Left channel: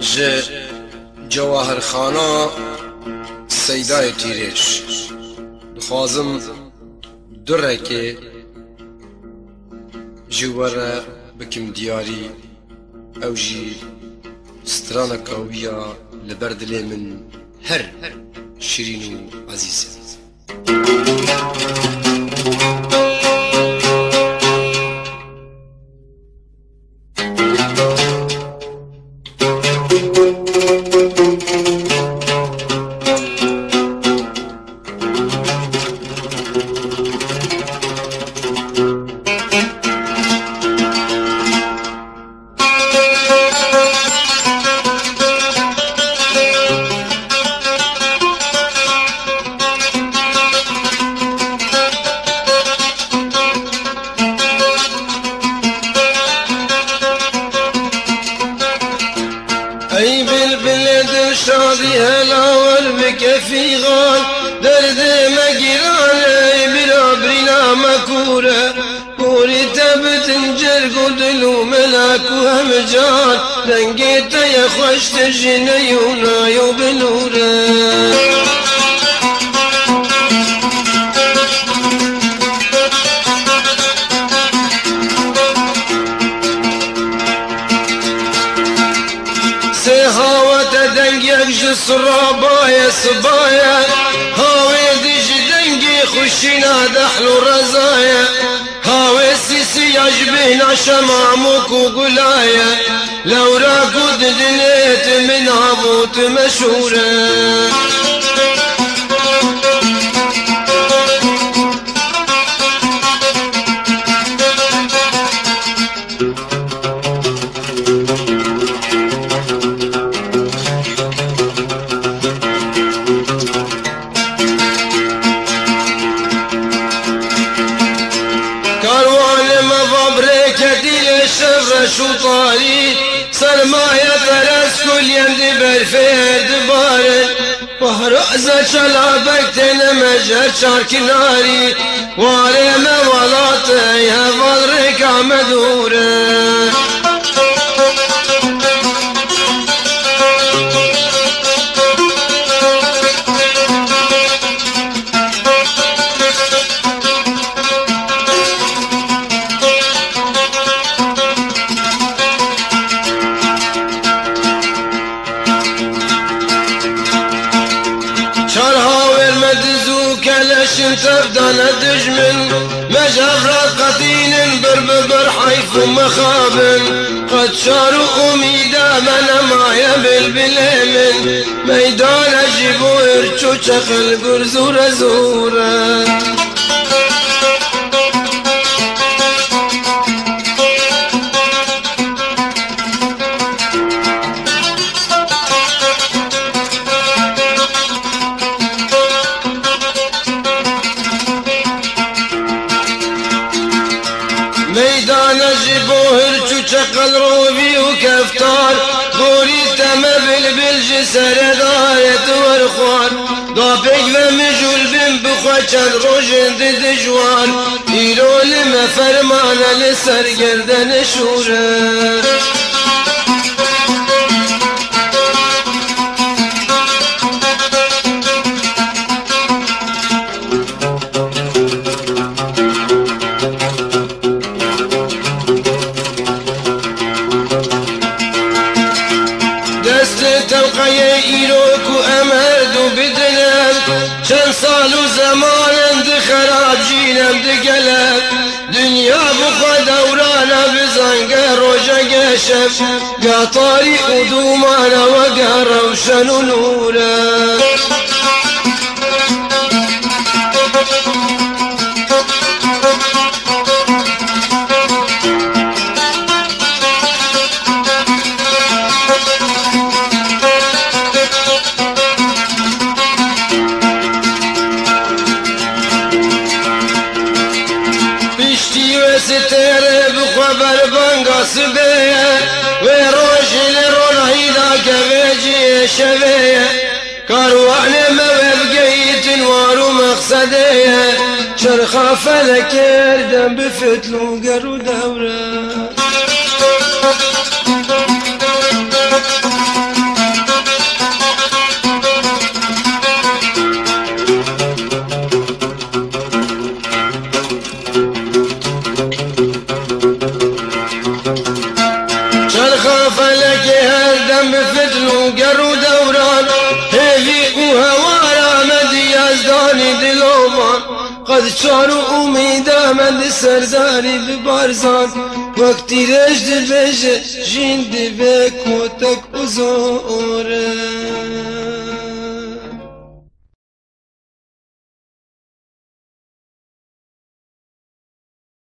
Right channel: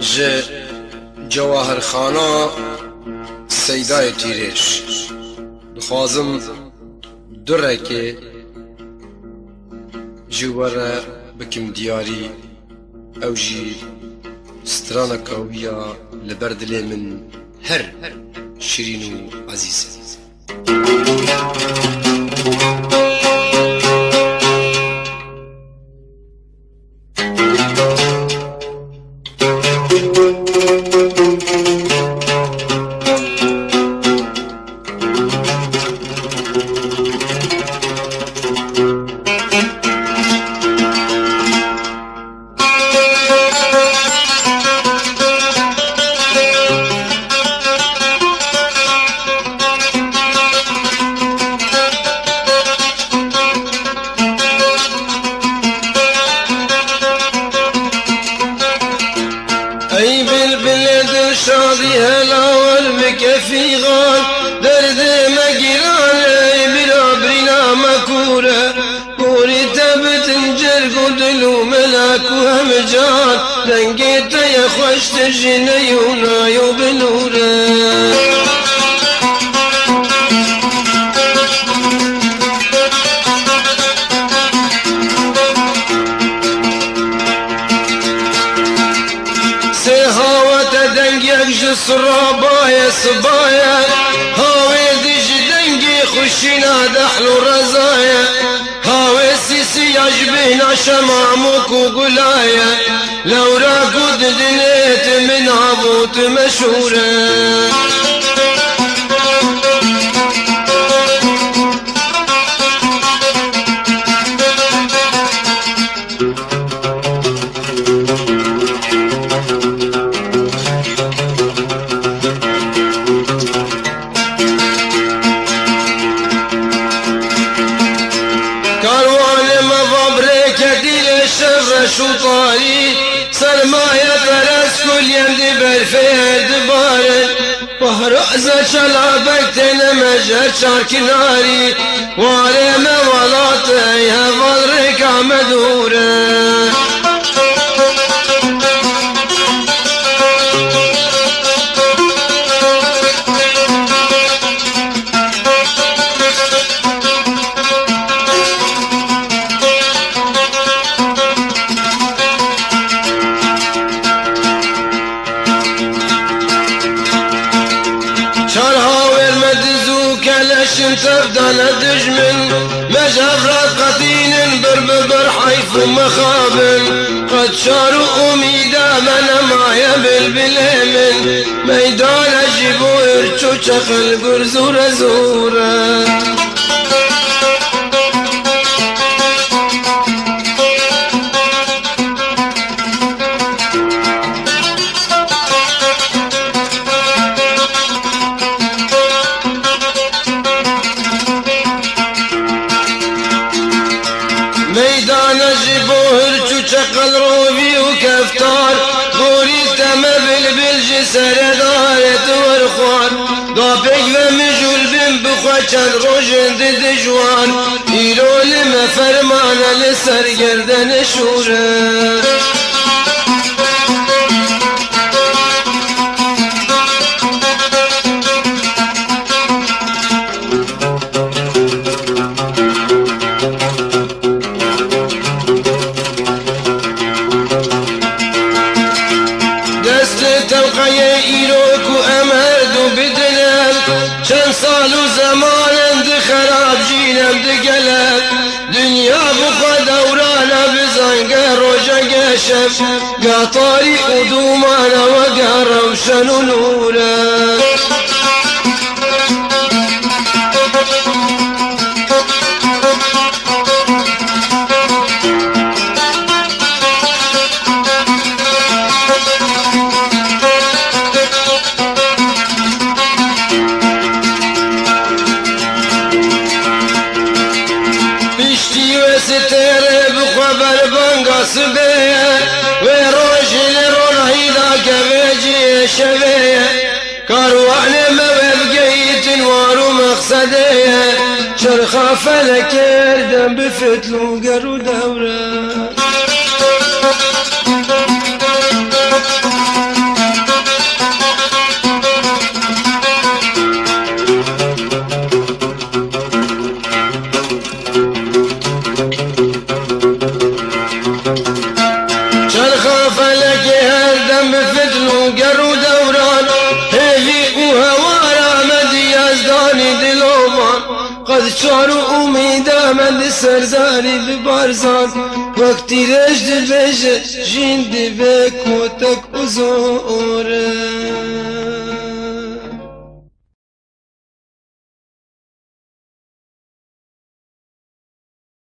ج جواهر خانا سیدای تیرش دخوازم درکه جواره بکم دیاری او جی سترانه قویه لبردل من هر شیرین و عزیز. ای بلبل دل شادی هلاول بکفی غال درد مگیران ای بلا برینا مکوره کوری تبتن جرگ و دلو ملاک و همجان رنگی تای خوشت جنی و نایو بنوره سرابايا صبايا هاوي ديش دنقي خشينا دحل رزايا هاوي سيسي عجبينا شمامك وقلايا لو راكود دنيت من عبوت مشهورة شطاري سرمايا برس كل يندي برفيد بارد وهرأزة شلابك تنمجد شارك ناري وارينا ولاطي هفضرك عمدورة تردنا دجمن مجرى قتين برببر حيث مخابن قد شاروا أميدا من معي بالبلين ميدان جيبو ارتو تقل برزورة زورة ميدان زبوهر تقل روبي وكفتار بوري تم بالبلج سرداية ورخوان ضابق ومجول بن بخوشن روجن دجوان إيرو لما فرمانا لسر گردن شورا تلقي إيروك وأمهد بدلال شن صالو زمان دخراب جينا بدقلال دنيا بخوا دورانا بزنقه روجا قشف قاطاري قدومانا وقهر وشنو نورا ستره بخبر بانگاس بیه و روشی لرون هیدا کبیجی شبیه کاروان موبگیت وارو مقصده شرخا فلکردم بفتلو گرو دوره قد شعر أميدا من سرداري ببارزان وقتی رجد بيجه جين ببك وتك أزور